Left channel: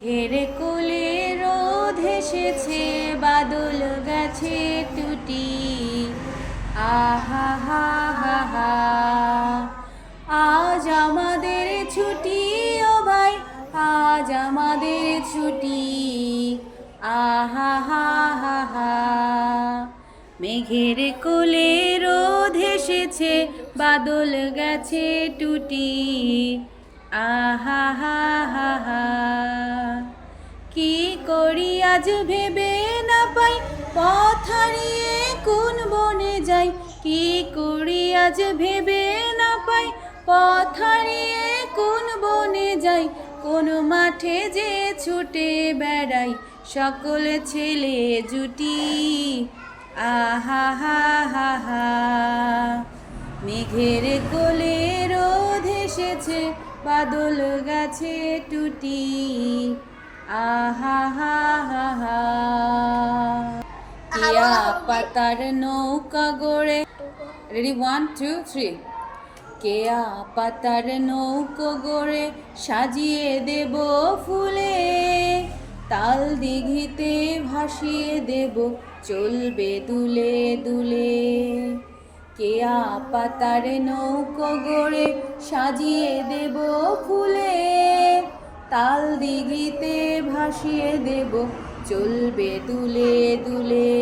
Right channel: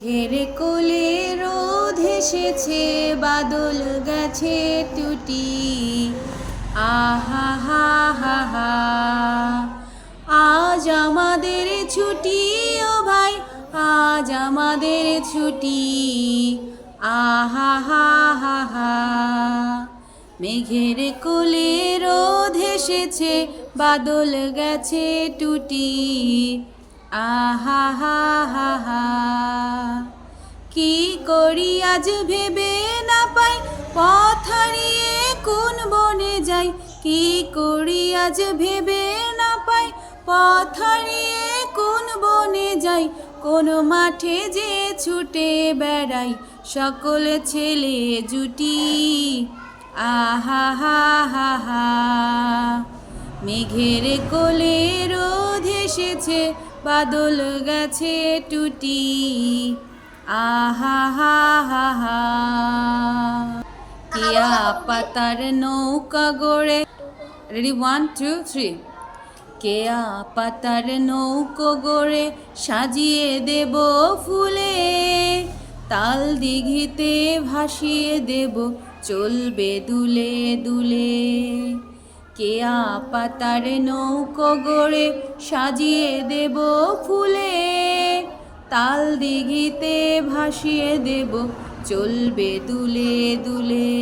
হেরে কোলে রোদ এসেছে, বাদল গেছে টুটি। আহা হা হা হা, আজ আমাদের ছুটি ও ভাই, আজ আমাদের ছুটি। আহা হা হা হা, মেঘের কোলে রোদ এসেছে, বাদল গেছে টুটি। আহা হা হা হা, কি করি আজ ভেবে না পাই, পথ হারিয়ে কোন বনে যাই। কি করি আজ ভেবে না পাই, পথ হারিয়ে কোন বনে যাই। কোন মাঠে যে ছুটে বেড়াই, সকল ছেলে জুটি। আহা হা হা হা, মেঘের কোলে রোদ এসেছে, বাদল গেছে টুটি। আহা হা হা হা, কেয়া পাতার নৌকা গড়ে, রেডি 1 2 3, কেয়া পাতার নৌকো গড়ে সাজিয়ে দেব ফুলে। তাল দিঘিতে ভাসিয়ে দেব, চলবে দুলে দুলে। কেয়া পাতার নৌকো গড়ে সাজিয়ে দেব ফুলে। তাল দিঘিতে ভাসিয়ে দেব, চলবে দুলে দুলে।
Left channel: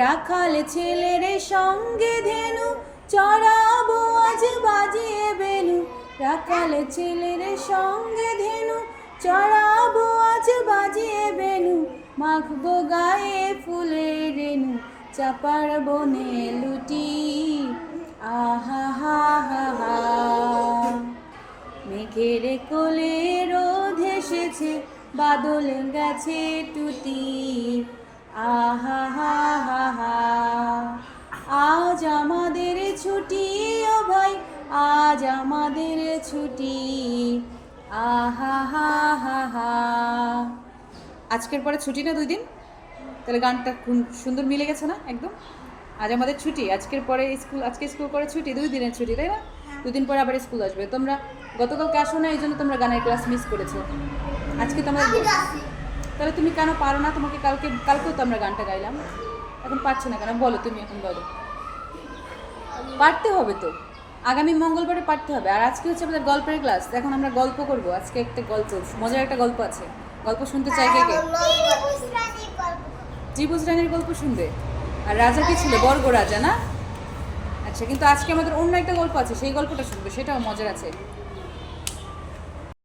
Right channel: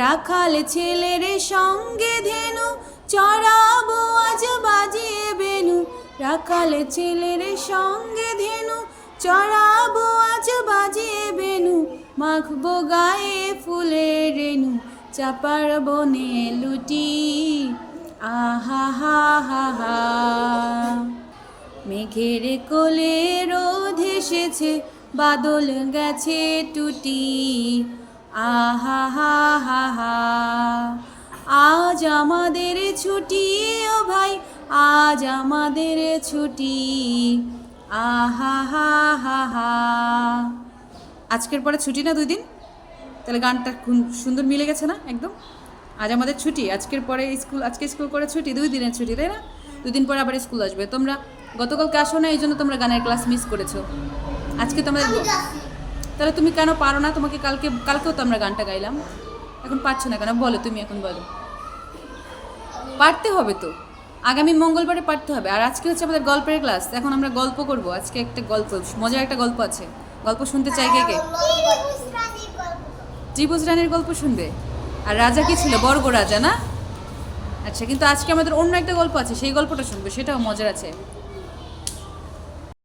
রাখাল ছেলের সঙ্গে ধেনু, চড়াবো আজ বাজিয়ে বেনু। রাখাল ছেলের সঙ্গে ধেনু, চড়াবো আজ বাজিয়ে বেনু। মাখবো গায়ে ফুলের রেণু, চাপার বনে লুটি। আহা হা হা হা, মেঘের কোলে রোদ এসেছে, বাদল গেছে টুটি। আহা হা হা হা, আজ আমাদের ছুটি ও ভাই, আজ আমাদের ছুটি। আহা হা হা হা, আজকের পরে ছুটি না 2 দিন, তাহলে গানটা সুন্দর মিলে গেছে না একদম। আজ আমাদের ছুটি, আজকের পরে স্কুল, আজকে স্কুল করে ছুটি, 2 দিনের ছুটি, তাই না? 2 দিন পরে আবার স্কুল আসবে। তোমরা গতকালকে আসো না, এই জন্য তোমরা গানের ক্লাস মিস করেছো। আজকে তোমরা, তাহলে তুমি কেন পারো না? তোমাকে কালকেও তো আমরা গানটা গাইলাম, এখন পারছো না কেন বলো? তুমি এখন বলো। পারতে হবে তো, আগামী মঙ্গলবারে পারতে হবে। আর আজকে হচ্ছে আমাদের গল্পের ক্লাস, এখন আমরা গল্প করব। আজকে একটা গল্প, মজার একটা গল্প আছে। গল্প শুনতে চাই কে কে? ত্রিভুজ রানীর গল্প শুনবে? আর রাজা কি ছিল? বর্গ রাজা না? আচ্ছা, কিন্তু আজকে আমাদের অন্য একটা গল্প আছে, সেই গল্পটা শুনবে, সেটাও মজার আছে।